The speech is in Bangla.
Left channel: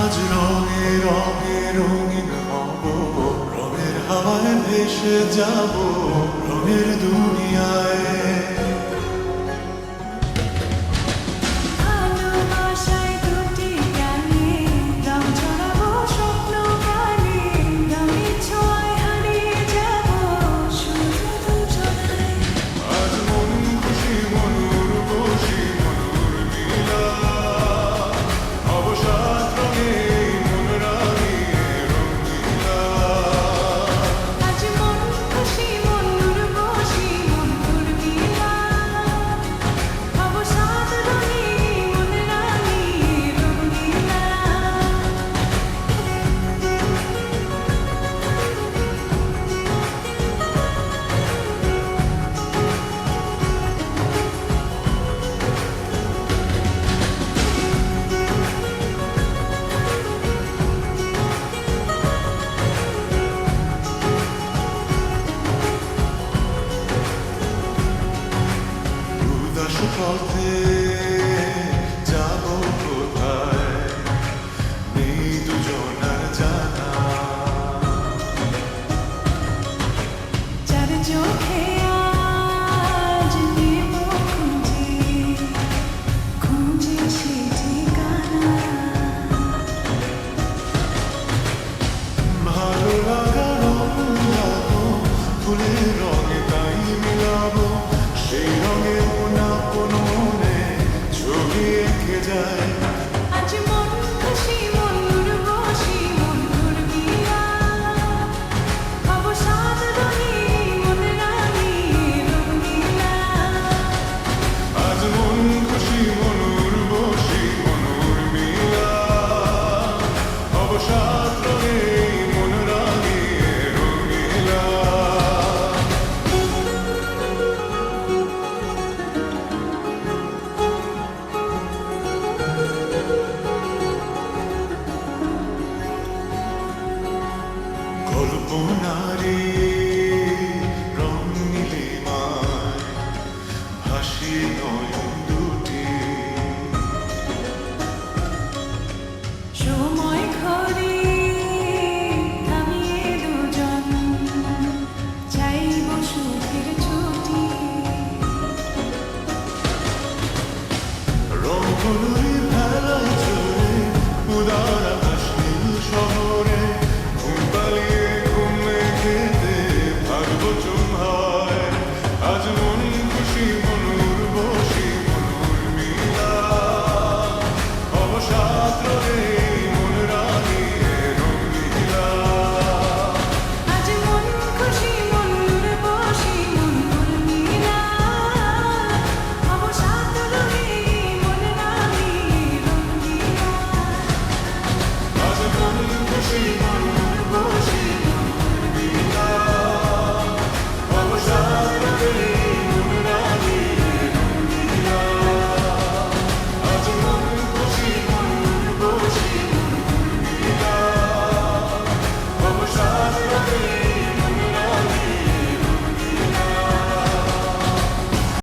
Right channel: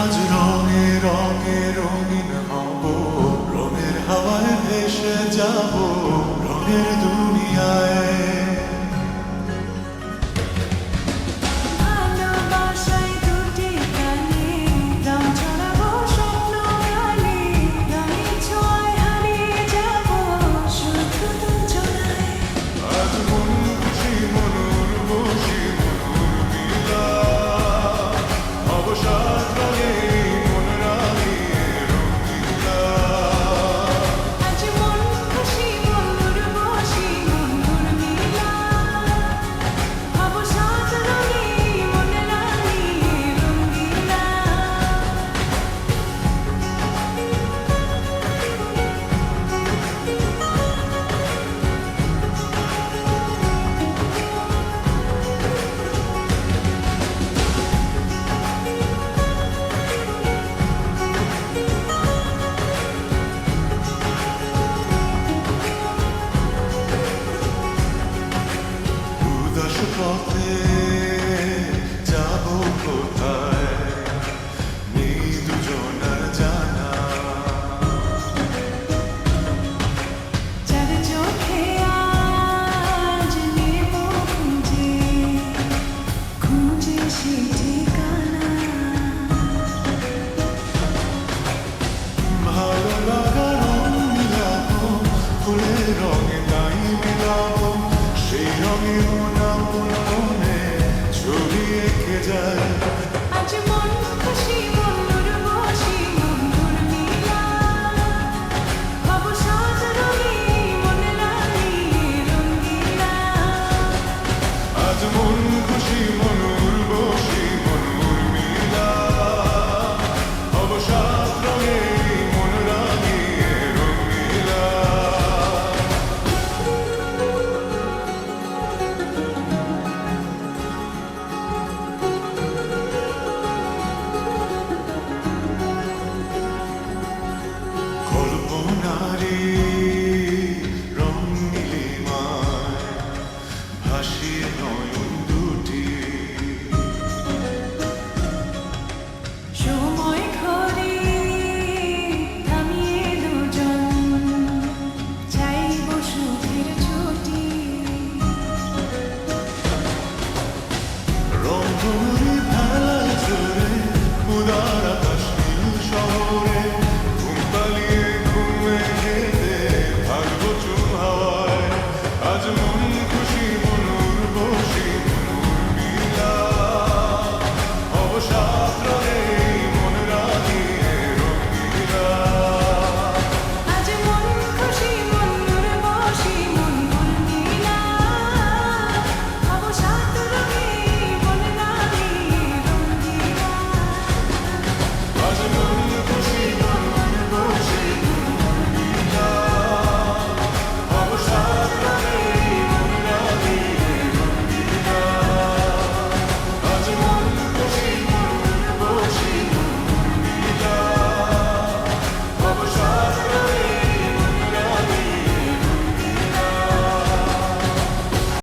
আজ রঙে রঙে রঙিন হব, রঙের হাওয়ায় ভেসে যাব রঙের দুনিয়ায়। ভালোবাসায় দুটি প্রাণে রং ছড়াবো স্বপ্ন গানে, রঙের ছোঁয়ায় হারিয়ে যাব শুধু দুজনায়। আজ মন খুশি মনুর বসি মনুর মিলা, অবসাদ রঙে মন রাঙিয়ে রঙিলা। আজ মন খুশি মনুর বসি মনুর মিলা, অবসাদ রঙে মন রাঙিয়ে রঙিলা। উদাস পথে যাব কোথায়, নেই দুজনার জানা। চার চোখে আজ নেব খুঁজে খুঁজে সে ঠিকানা। ভালো লাগা রং মিলাবো, ফুলের রঙে তাই মিলাবো, সেই রঙে মন আপন মনে ছবি এঁকে যায়। আজ মন খুশি মনুর বসি মনুর মিলা, অবসাদ রঙে মন রাঙিয়ে রঙিলা। আজ মন খুশি মনুর বসি মনুর মিলা, অবসাদ রঙে মন রাঙিয়ে রঙিলা। কল্পনারে রং নীলিমায় ভাসি নয়ন দুটি, সময় ঘরে থামিয়ে দুজন চাইব সুখের ছুটি। রংধনুরি ভেলায় চড়ে উদার আকাশ নীল শহরে, ঘুম পালিয়ে ঘুম মেঘেতে থাকবো চুম হাওয়ায়। আজ মন খুশি মনুর বসি মনুর মিলা, অবসাদ রঙে